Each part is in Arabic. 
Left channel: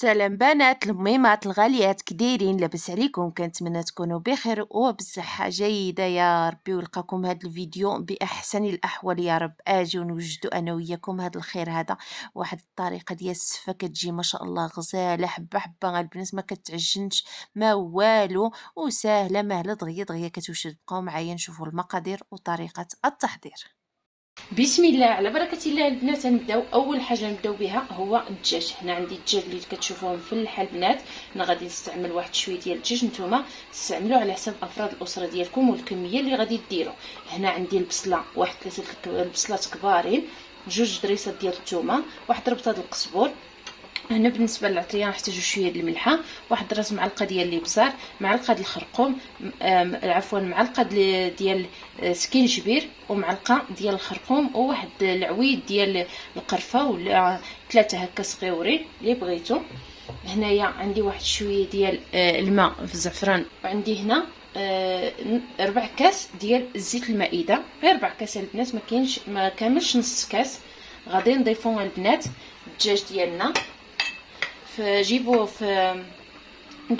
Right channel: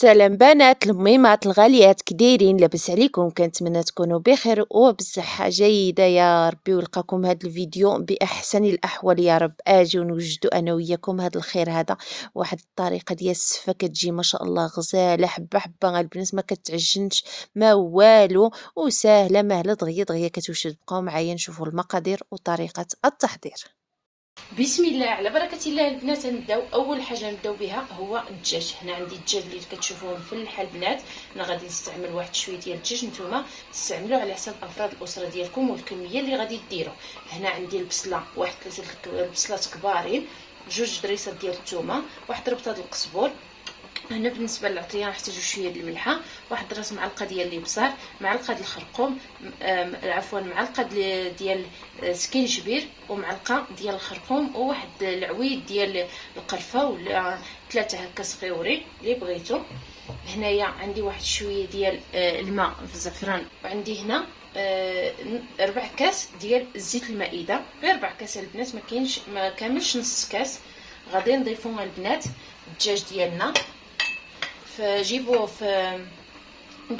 سلام بنات الميمات الغاليات كدايرين لاباس عليكم، كنتمنى تكونوا بخير وبصحة جيدة يا ربي، ولقاكم هذا الفيديو باحسن الاحوال يا رب. اجي ونوجدوا انا وياكم هذا الخير هذا، واحد الطريقه ديال السفه كتجي ما شاء الله غزاله حبه حبه البنات، ما كتعجنش ما والو، وسهله مهله دغيا دغيا كتوجد. بقاو معايا نشوفوا المقادير وطريقه التحضير. بسم الله على بركه الله البنات. نبداو اول حاجه نبداو بها هو الدجاج. هنا عندي الدجاج اللي كتشوفوه مفلح البنات. انا غادي نستعمل واحد شويه ديال الدجاج، نتوما تستعملوه على حسب افراد الاسره ديالكم والكميه اللي غادي ديروا. هنا عندي البصله، واحد 3 البصلات كبارين، 2 دريسات ديال الثومه، واحد ربطه ديال القزبور. هنا بالنسبه للعطريه نحتاجو شويه ديال الملحه، واحد راس معلقه ديال الابزار، معلقه ديال الخرقوم، عفوا معلقه ديال سكينجبير، ومعلقه ديال الخرقوم، وواحد العويد ديال القرفه ولا 3 هكا صغيورين اللي بغيتو. هنايا عندي واحد شويه ديال الماء في الزعفران، وعندي هنا 4 كاس ديال الزيت المائده، غير 4 كاس البنات، ما كاملش نص كاس. غادي نضيفو البنات الدجاج ديالنا، فجيبوه في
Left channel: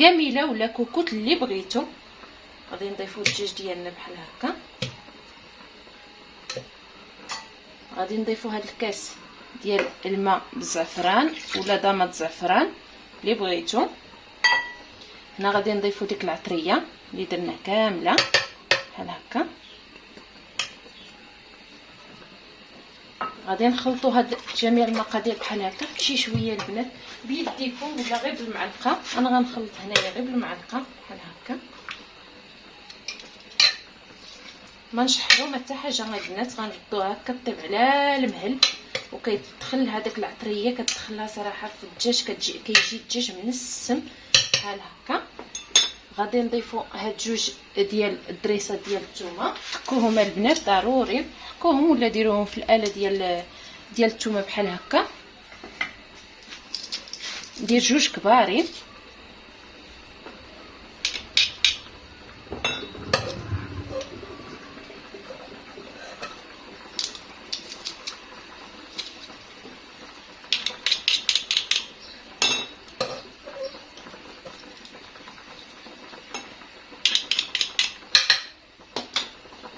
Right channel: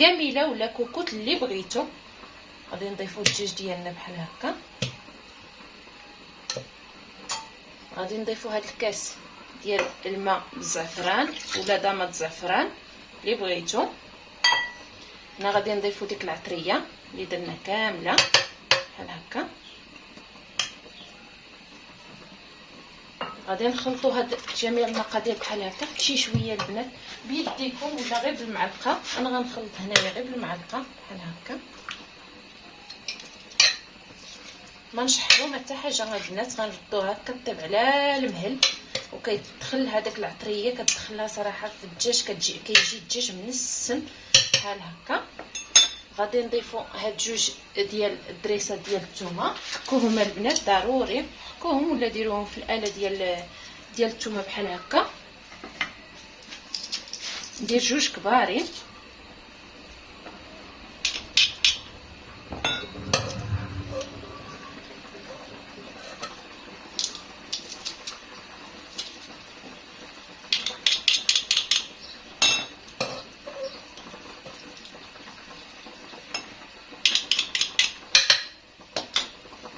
قاميله ولا كوكوت اللي بغيتو. غادي نضيفو الدجاج ديالنا بحال هكا. غادي نضيفو هاد الكاس ديال الماء بالزعفران ولا ضماد الزعفران اللي بغيتو. هنا غادي نضيفو ديك العطريه اللي درنا كامله بحال هكا. غادي نخلطوا هاد جميع المقادير بحال هكا شي شويه البنات بيديكم ولا غير بالمعلقه. انا غنخلط هنايا غير بالمعلقه بحال هكا، ما نشحروا ما حتى حاجه البنات. غنردوها هكا طيب على المهل، وكيدخل هذاك العطريه كتدخلها صراحه في الدجاج، كيجي الدجاج منسم بحال هكا. غادي نضيفوا هاد 2 ديال الدريسات ديال الثومه، كوهما البنات ضروري كوهم ولا ديروهم في الاله ديال الثومه بحال هكا. ندير 2 كبارين.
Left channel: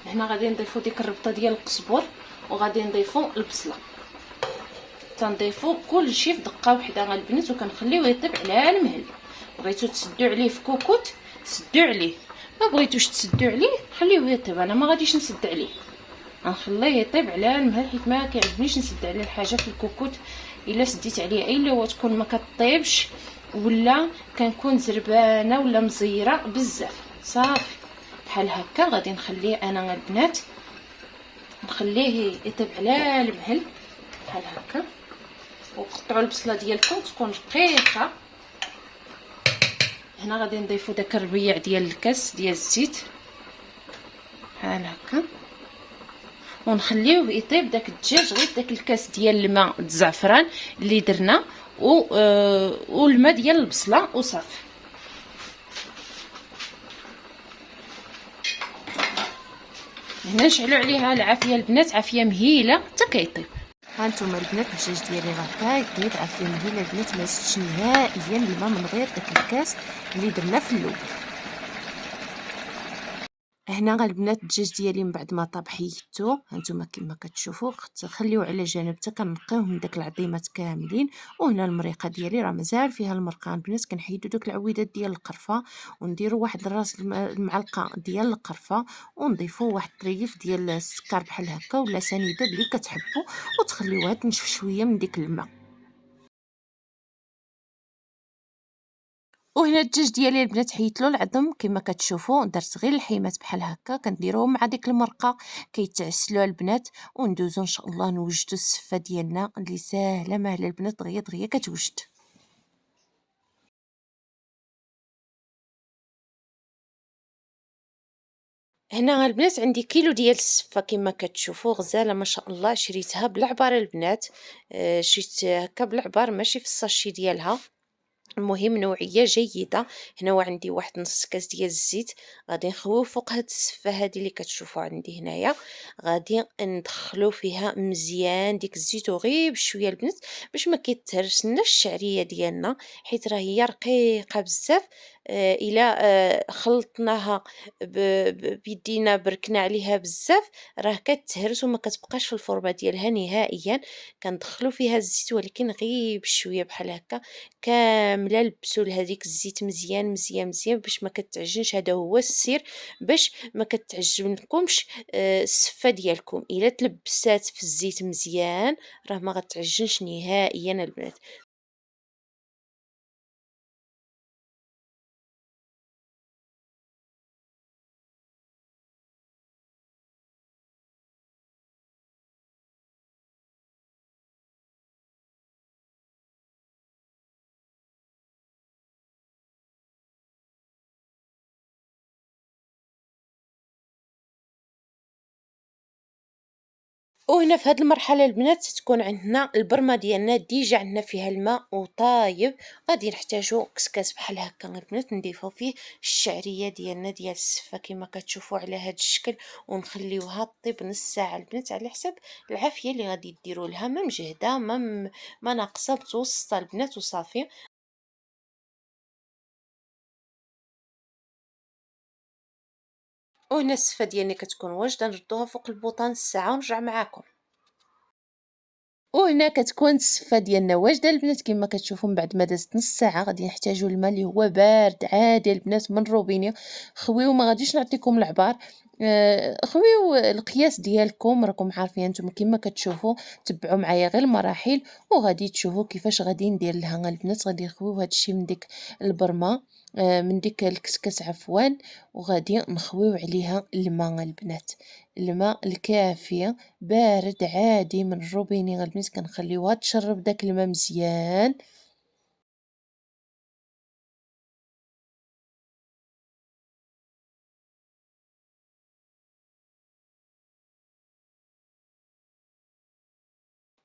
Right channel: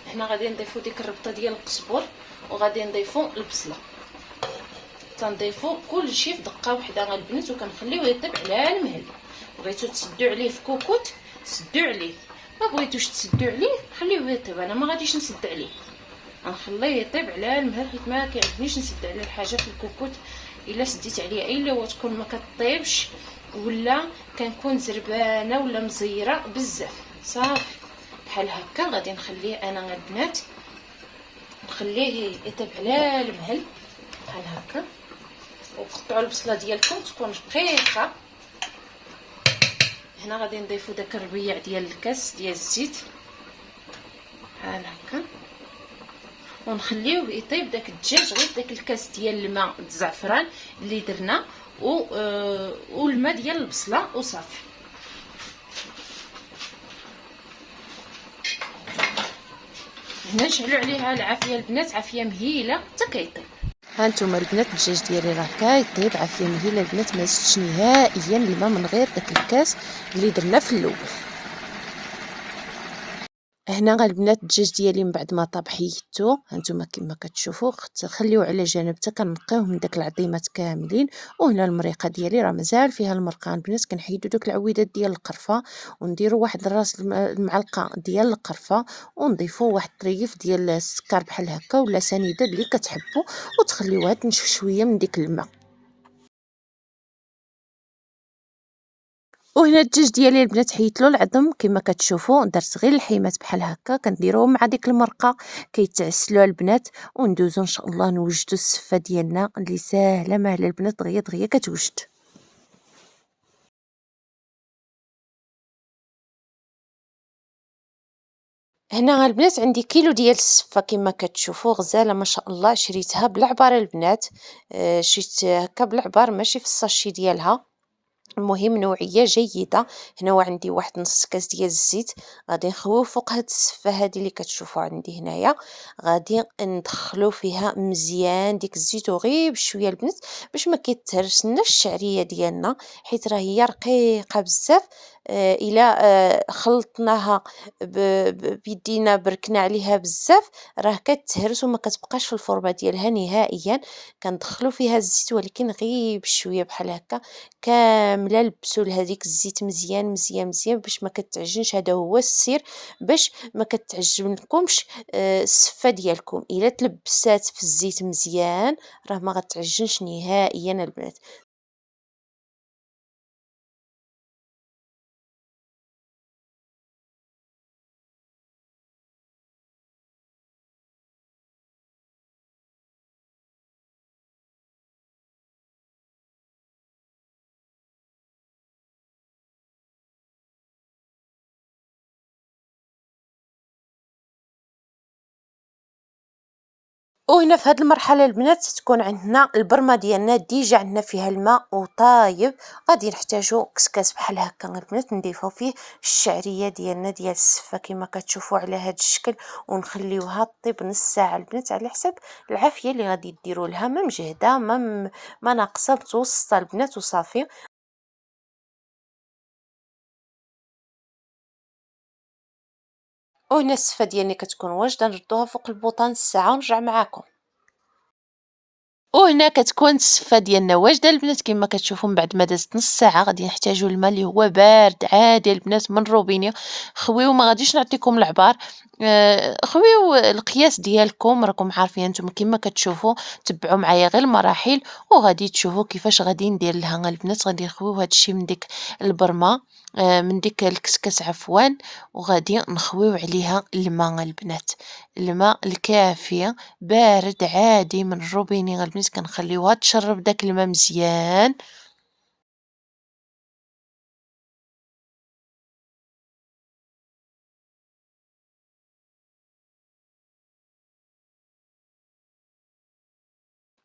هنا غادي نضيفو ديك الربطه ديال القزبر، وغادي نضيفو البصله. تنضيفو كلشي في دقه وحده البنات، وكنخليوه يطيب على المهل. بغيتو تسدو عليه في كوكوت سدو عليه، ما بغيتوش تسدو عليه خليوه يطيب. انا ما غاديش نسد عليه، غنخليه يطيب على المهل، حيت ما كيعجبنيش نسد على الحاجه في الكوكوت. الا سديت عليه الا هو تكون ما كطيبش، ولا كنكون زربانه ولا مزيره بزاف. صافي بحال هكا غادي نخليه انا البنات، نخليه يطيب على المهل بحال هكا. وقطعوا البصله ديالكم تكون دقيقه. هنا غادي نضيفوا داك الربيع ديال الكاس ديال الزيت بحال هكا، ونخليوه يطيب داك الدجاج غير داك الكاس ديال الماء الزعفران اللي درنا والماء ديال البصله وصافي. هنا نشعلوا عليها العافيه البنات، عافيه مهيله حتى كيطيب. هانتوما البنات الدجاج ديالي راه كيطيب عافيه مهيله البنات، ما زدتش نهائيا الماء من غير داك الكاس اللي درنا في الاول. هنا البنات الدجاج ديالي من بعد ما طاب حيدتو، هانتوما كما كتشوفوا خليوه على جنب حتى كنقيوه من داك العظيمات كاملين. وهنا المريقه ديالي راه مازال فيها المرقه البنات، كنحيدو دوك العويدات ديال القرفه، ونديرو واحد راس المعلقه ديال القرفه، ونضيفو واحد الطريف ديال السكر بحال هكا ولا سنيده اللي كتحبوا، وتخليوها تنشف شويه من ديك الماء. وهنا الدجاج ديالي البنات حيدت له العظم كما كتشوفوا، درت غير الحيمات بحال هكا كنديروهم مع ديك المرقه كيتعسلوا البنات. وندوزو ان شاء الله نوجدوا السفه ديالنا اللي ساهله ماهله البنات، دغيا دغيا كتوجد. هنا البنات عندي كيلو ديال السفه كما كتشوفوا غزاله ما شاء الله، شريتها بالعبار البنات. شريت هكا بالعبار ماشي في الساشي ديالها، المهم نوعيه جيده. هنا عندي واحد نص كاس ديال الزيت، غادي نخوي فوق هاد السفه هذه اللي كتشوفوا عندي هنايا. غادي ندخلو فيها مزيان ديك الزيت وغير بشويه البنات باش ما كيتهرسناش الشعريه ديالنا، حيت راه هي رقيقه بزاف. الا خلطناها بيدينا بركنا عليها بزاف راه كتهرس وما كتبقاش في الفورمه ديالها نهائيا. كندخلو فيها الزيت ولكن غير بشويه بحال هكا كامله، لبسوا لهذيك الزيت مزيان مزيان مزيان باش ما كتعجنش. هذا هو السر باش ما كتعجنكمش السفه ديالكم. الا تلبسات في الزيت مزيان راه ما غتعجنش نهائيا البنات. وهنا في هاد المرحله البنات تكون عندنا البرمه ديالنا ديجا عندنا فيها الماء وطايب. غادي نحتاجو كسكاس بحال هكا البنات نضيفو فيه الشعريه ديالنا ديال السفه كما كتشوفوا على هاد الشكل، ونخليوها طيب نص ساعه البنات على حسب العافيه اللي غادي ديروا لها، ما مجهده ما ناقصه، متوسطه البنات وصافي. وهنا السفه ديالنا كتكون واجده نردوها فوق البوطه نص ساعه ونرجع معاكم. وهنا كتكون السفة ديالنا واجدة البنات كما كتشوفوا. من بعد ما دازت نص ساعة غادي نحتاجو الماء اللي هو بارد عادي البنات من روبيني. خويو ما غاديش نعطيكم العبار، خويو القياس ديالكم راكم عارفين نتوما كما كتشوفوا. تبعوا معايا غير المراحل وغادي تشوفوا كيفاش غادي ندير لها البنات. غادي نخويو هادشي من ديك البرمه، من ديك الكسكس عفوا، وغادي نخويو عليها الماء البنات، الماء الكافي بارد عادي من الروبيني البنات. كنخليوها تشرب داك الماء مزيان.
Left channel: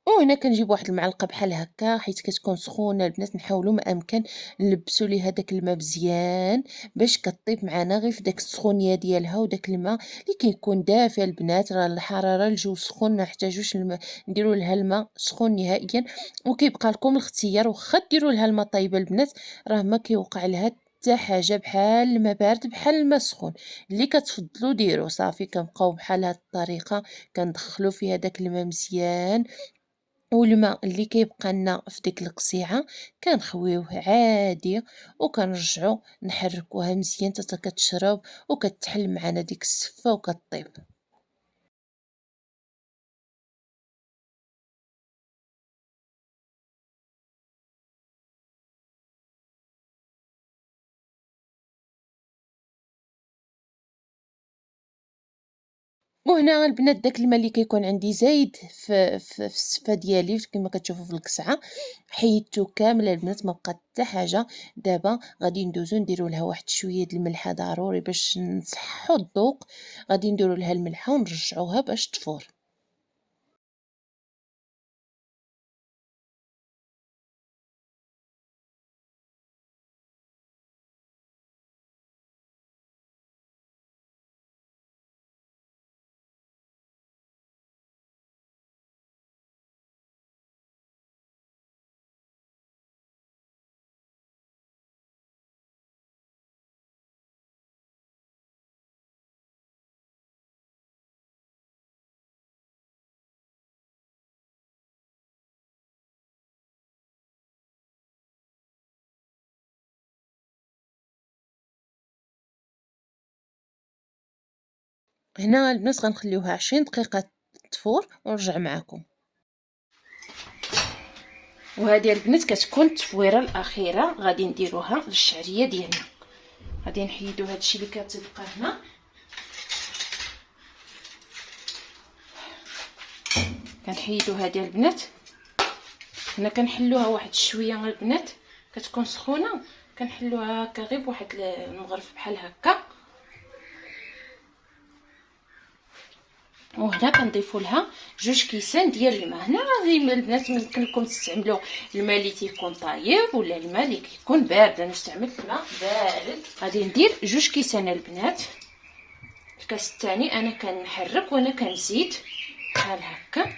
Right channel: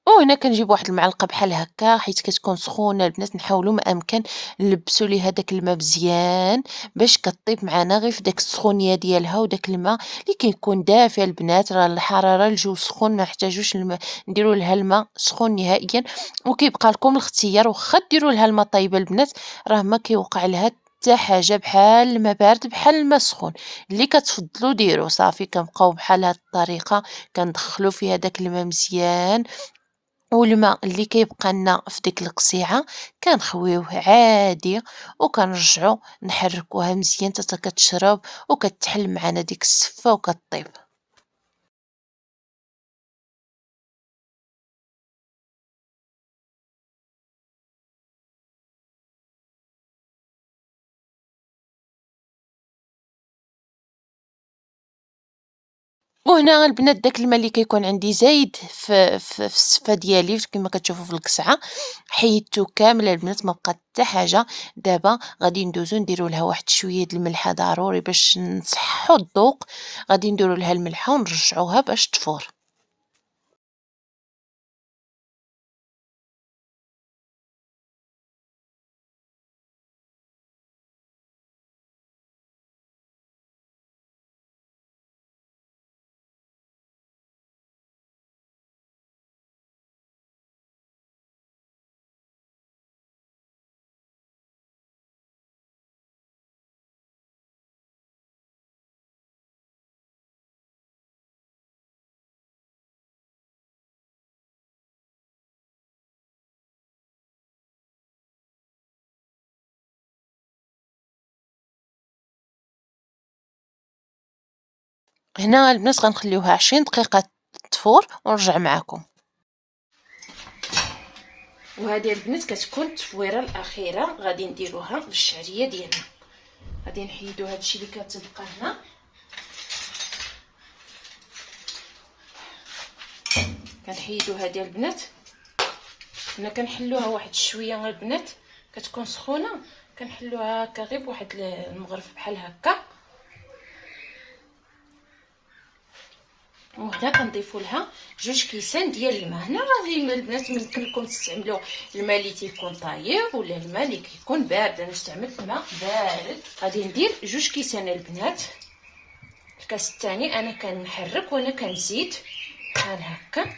وهنا كنجيب واحد المعلقه بحال هكا حيت كتكون سخونه البنات، نحاولوا ما امكن نلبسوا ليها داك الماء مزيان باش كطيب معنا غير في داك السخونيه ديالها. وداك الماء اللي كيكون دافئ البنات، راه الحراره الجو سخون ما نحتاجوش الماء نديروا لها الماء سخون نهائيا. وكيبقى لكم الاختيار، واخا ديروا لها الماء طايبه البنات راه ما كيوقع لها حتى حاجه، بحال الماء بارد بحال الماء سخون اللي كتفضلوا ديروا. صافي كنبقاو بحال هاد الطريقه كندخلوا فيها داك الماء مزيان، والماء اللي كيبقى لنا في ديك القصيعه كنخويوه عادي وكنرجعو نحركوها مزيان حتى كتشرب وكتحل معنا ديك السفه وكطيب. وهنا البنات داك الماء اللي كيكون عندي زايد في السفه ديالي كما كتشوفوا في القصعه حيدته كامله البنات، ما بقى حتى حاجه. دابا غادي ندوزو نديرو لها واحد شويه د الملحه ضروري باش نصحوا الذوق. غادي نديرو لها الملحه ونرجعوها باش تفور. هنا البنات غنخليوها 20 دقيقه تفور ونرجع معكم. وهذه البنات كتكون التفويره الاخيره غادي نديروها للشعريه ديالنا. غادي نحيدو هادشي اللي كتبقى هنا، كنحيدو هذه البنات. هنا كنحلوها واحد شويه البنات، كتكون سخونه كنحلوها هكا غير بواحد المغرف بحال هكا. وهنا كنضيفوا لها 2 كيسان ديال الماء. هنا غادي البنات يمكن لكم تستعملوا الماء اللي تيكون طايب ولا الماء اللي كيكون بارد. انا استعملت الماء بارد. غادي ندير 2 كيسان البنات. الكاس الثاني انا كنحرك وانا كنزيد بحال هكا.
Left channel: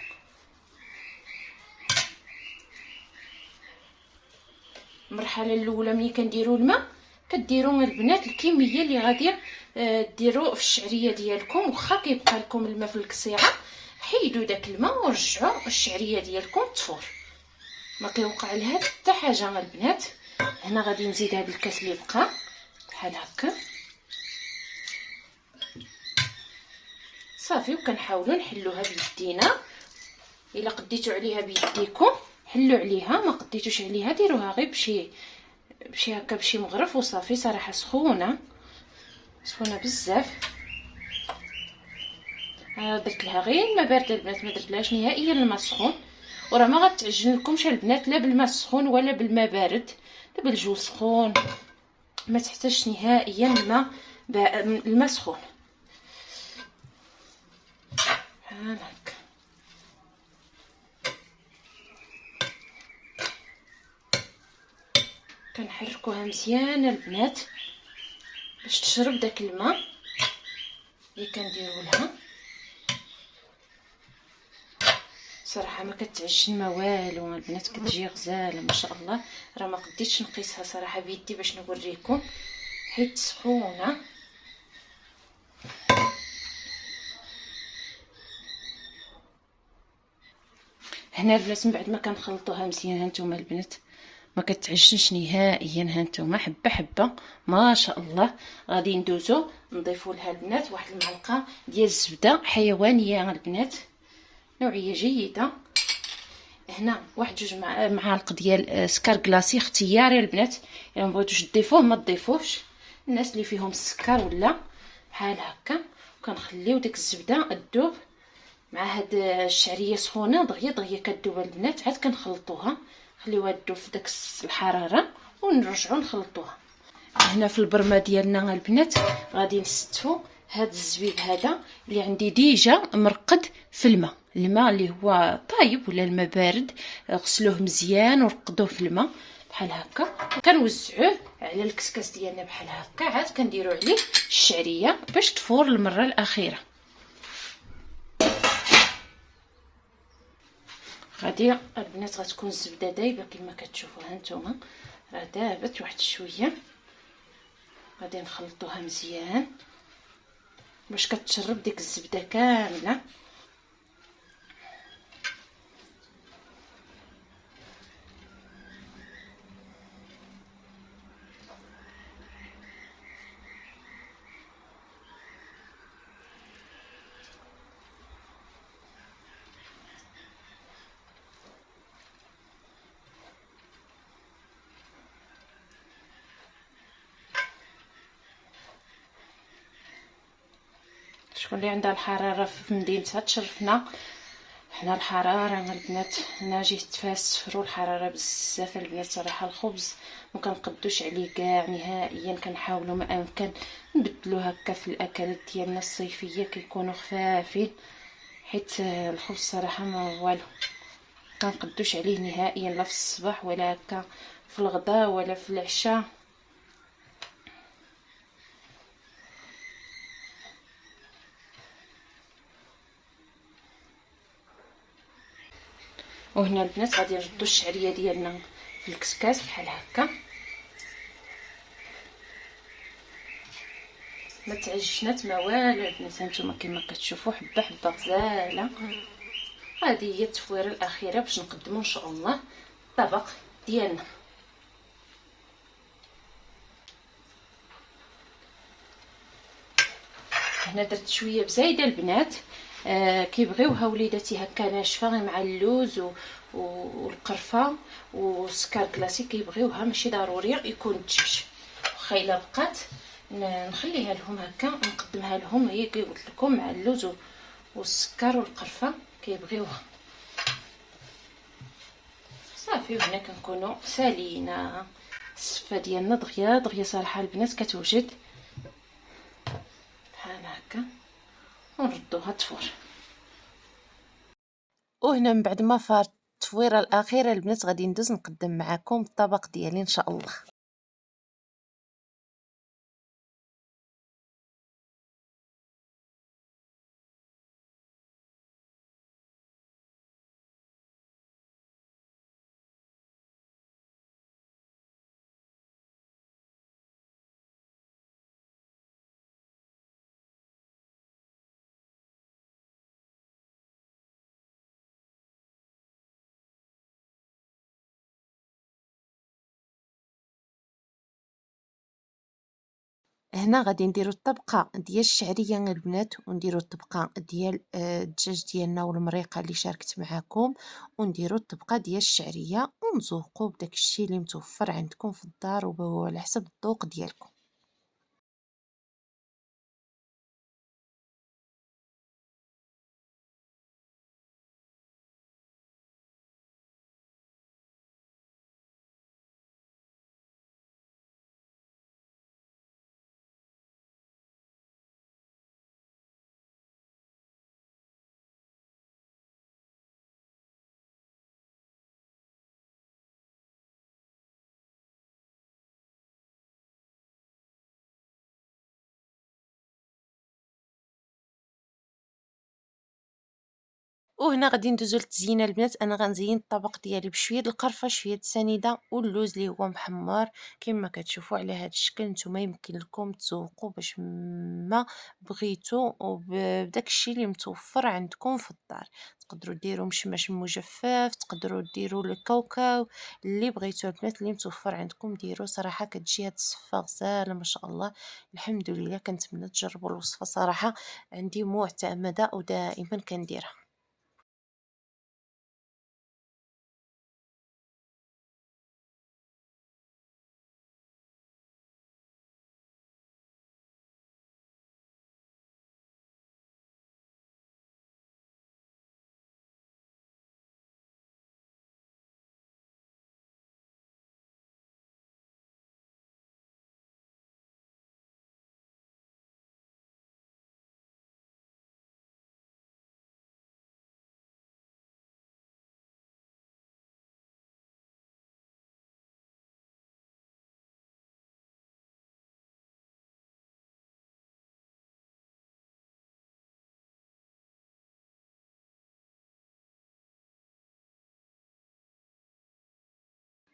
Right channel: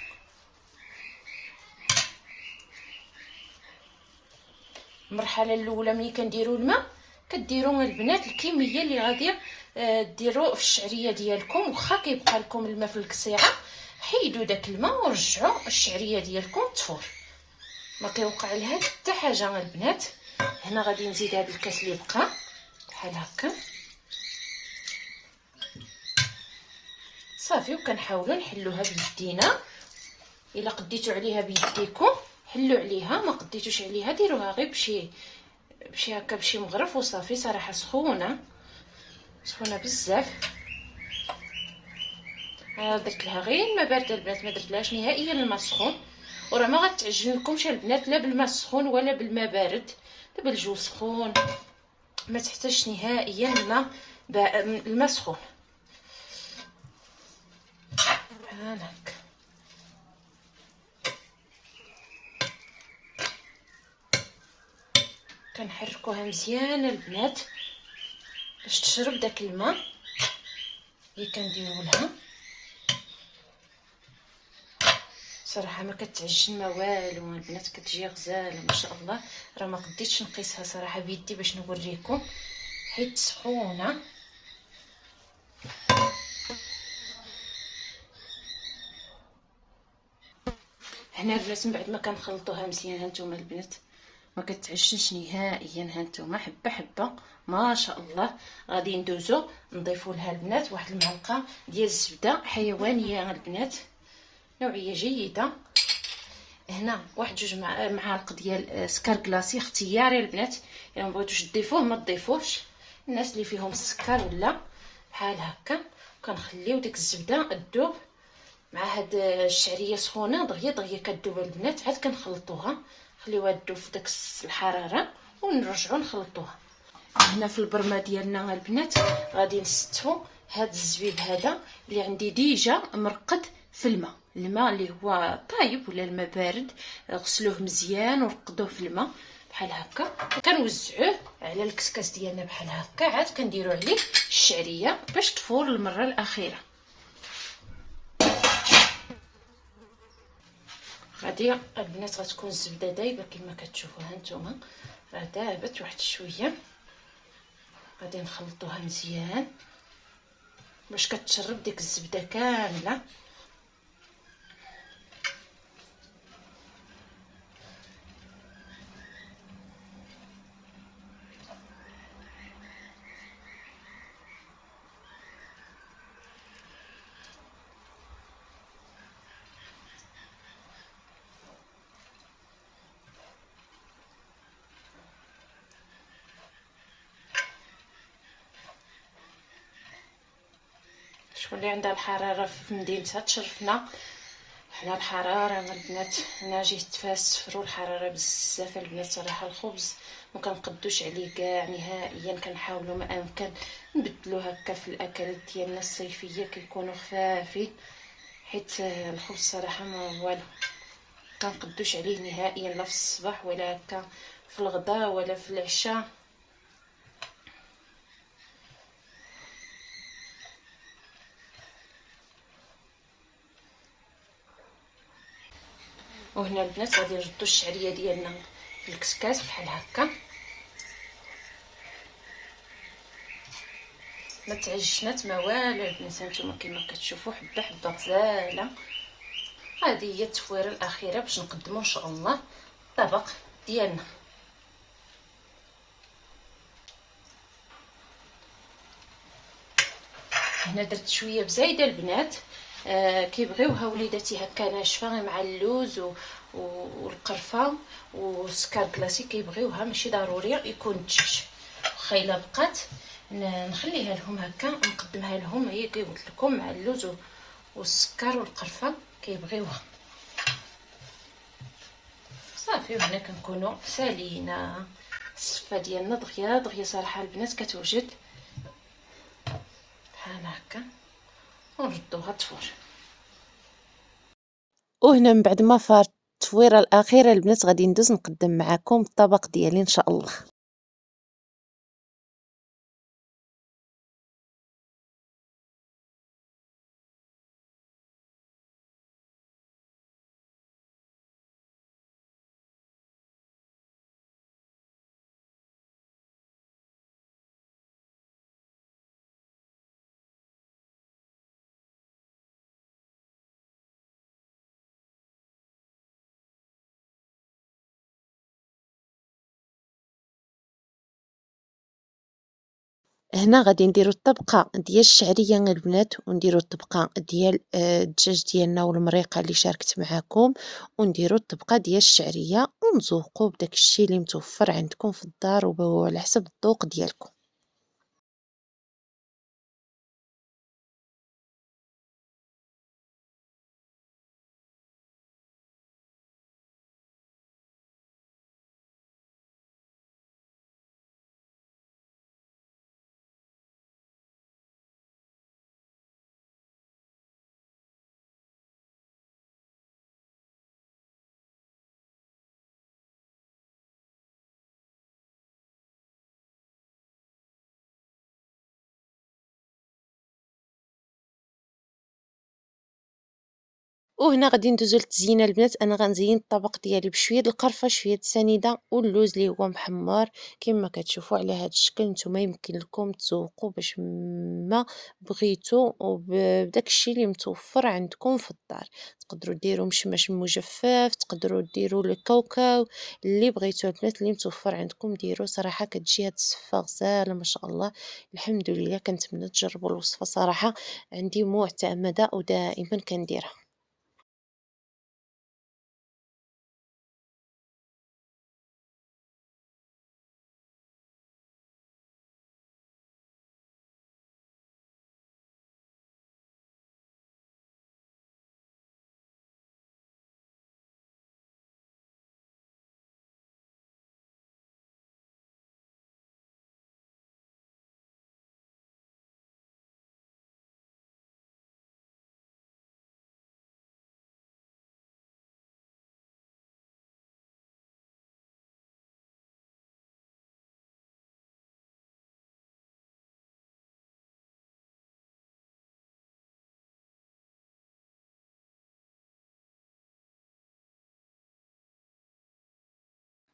المرحله الاولى ملي كنديروا الماء كديروا البنات الكميه اللي غادي ديروا في الشعريه ديالكم. واخا كيبقى لكم الماء في القصيعه حيدوا داك الماء ورجعوا الشعريه ديالكم تفور، ما كيوقع لها حتى حاجه البنات. هنا غادي نزيد هذا الكاس اللي بقى بحال هكا صافي. وكنحاولوا نحلوها بيدينا، الا قديتوا عليها بيديكم حلوا عليها، ما قديتوش عليها ديروها غير بشي هكا بشي مغرف وصافي. صراحه سخونه بزاف. درت لها غير الماء بارد البنات، ما درتلهاش نهائيا الماء سخون. وراه ما غتعجن لكمش البنات لا بالماء السخون ولا بالماء بارد، دابا الجو سخون ما تحتاجش نهائيا الماء سخون. بحال هكا كنحركوها مزيان البنات باش تشرب داك الماء اللي كنديروا لها. صراحه ما كتعجن ما والو البنات، كتجي غزاله ما شاء الله. راه ما قديتش نقيسها صراحه بيدي باش نوريكم حيت سخونه. هنا البنات من بعد ما كنخلطوها مزيان هانتوما البنات ما كتعجنش نهائيا. هانتوما حبه حبه ما شاء الله. غادي ندوزو نضيفوا لها البنات واحد المعلقه ديال الزبده حيوانيه البنات نوعيه جيده. هنا واحد جوج معالق ديال سكر كلاصي اختياري البنات، الا ما بغيتوش تضيفوه ما تضيفوش، الناس اللي فيهم السكر ولا بحال هكا. كنخليو ديك الزبده تذوب مع هاد الشعريه سخونه دغيا دغيا كتذوب البنات. عاد كنخلطوها خليوها تذوب في داك الحراره ونرجعوا نخلطوها. هنا في البرمه ديالنا البنات غادي نستفوا هاد الزبيب هذا اللي عندي ديجا مرقد في الماء اللي هو طايب ولا الماء بارد. غسلوه مزيان ورقدوه في الماء بحال هكا. كنوزعوه على الكسكاس ديالنا بحال هكا. عاد كنديروا عليه الشعريه باش تفور المره الاخيره. غادي البنات غتكون الزبده دايبه كما كتشوفوا هانتوما، راه دابت واحد شويه. غادي نخلطوها مزيان باش كتشرب ديك الزبده كامله. شكون اللي عندها الحراره في مدينتها تشرفنا. حنا الحراره البنات هنا جيت تفاس الصفر والحراره بزاف البنات. صراحه الخبز ما كنقدوش عليه كاع نهائيا. كنحاولوا ما امكن نبدلو هكا في الاكلات ديالنا الصيفيه كيكونوا خفافين، حيت الخبز صراحه ما والو كنقدوش عليه نهائيا لا في الصباح ولا هكا في الغداء ولا في العشاء. وهنا البنات غادي نردو الشعريه ديالنا في الكسكاس بحال هكا. ما تعجنات ما والو البنات هانتوما كما كتشوفوا حبه حبه غزاله. هذه هي التفويره الاخيره باش نقدموا ان شاء الله الطبق ديالنا. هنا درت شويه بزايده البنات، كيبغيوها وليداتي هكا ناشفه غير مع اللوز والقرفه والسكر كلاسي كيبغيوها، ماشي ضروري يكون الدجاج. واخا الا بقات نخليها لهم هكا ونقدمها لهم هي كي قلت لكم مع اللوز والسكر والقرفه كيبغيوها صافي. وهنا كنكونوا سالينا الصفه ديالنا دغيا دغيا. صراحه البنات كتوجد بحال هكا ونردوها تفور. وهنا من بعد ما فارت التفويره الاخيره البنات غادي ندوز نقدم معكم الطبق ديالي ان شاء الله. هنا غادي نديرو الطبقة ديال الشعرية البنات، ونديرو الطبقة ديال الدجاج ديالنا والمريقة اللي شاركت معاكم، ونديرو الطبقة ديال الشعرية، ونذوقوا بداك الشي اللي متوفر عندكم في الدار وعلى حسب الذوق ديالكم. وهنا غادي ندوزو للتزيينه البنات. انا غنزين الطبق ديالي بشويه د القرفه، شويه د السنيده واللوز اللي هو محمر كما كتشوفوا على هذا الشكل. نتوما يمكن لكم تذوقوا باش ما بغيتو وبداك الشيء اللي متوفر عندكم في الدار. تقدروا ديروا مشمش مجفف، تقدروا ديروا الكاوكاو، اللي بغيتو البنات اللي متوفر عندكم ديروا. صراحه كتجي هاد الصفه غزاله ما شاء الله. الحمد لله كنتمنى تجربوا الوصفه، صراحه عندي معتمده ودائما كنديرها.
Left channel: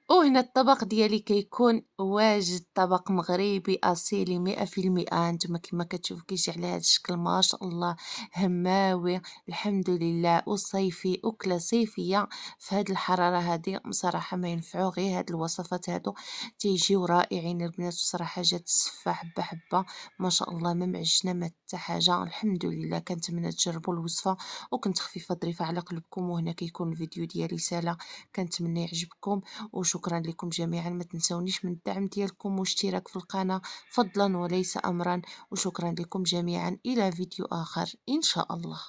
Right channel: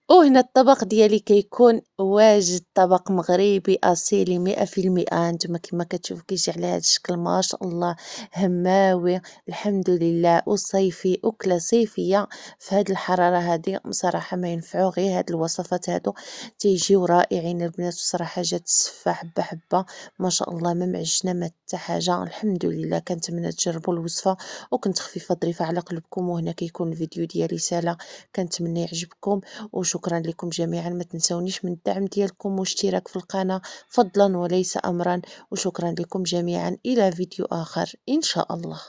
وهنا الطبق ديالي كيكون واجد، طبق مغربي أصيلي 100%. نتوما كما كتشوفوا كيجي على هذا الشكل ما شاء الله، هماوي الحمد لله، وصيفي، أكلة صيفية في هاد الحرارة هادي. بصراحة ما ينفعوا غير هاد الوصفات هادو، تيجيو رائعين البنات. وصراحة جات السفة حبة حبة ما شاء الله، ما معجنة ما حتى حاجة. الحمد لله كنتمنى تجربوا الوصفة، وكنت خفيفة ظريفة على قلبكم. وهنا كيكون الفيديو ديالي سالا، كنتمنى يعجبكم. وشكرا لكم جميعا. ما تنسونيش من الدعم ديالكم واشتراك في القناة فضلا وليس أمرا. وشكرا لكم جميعا، إلى فيديو آخر إن شاء الله.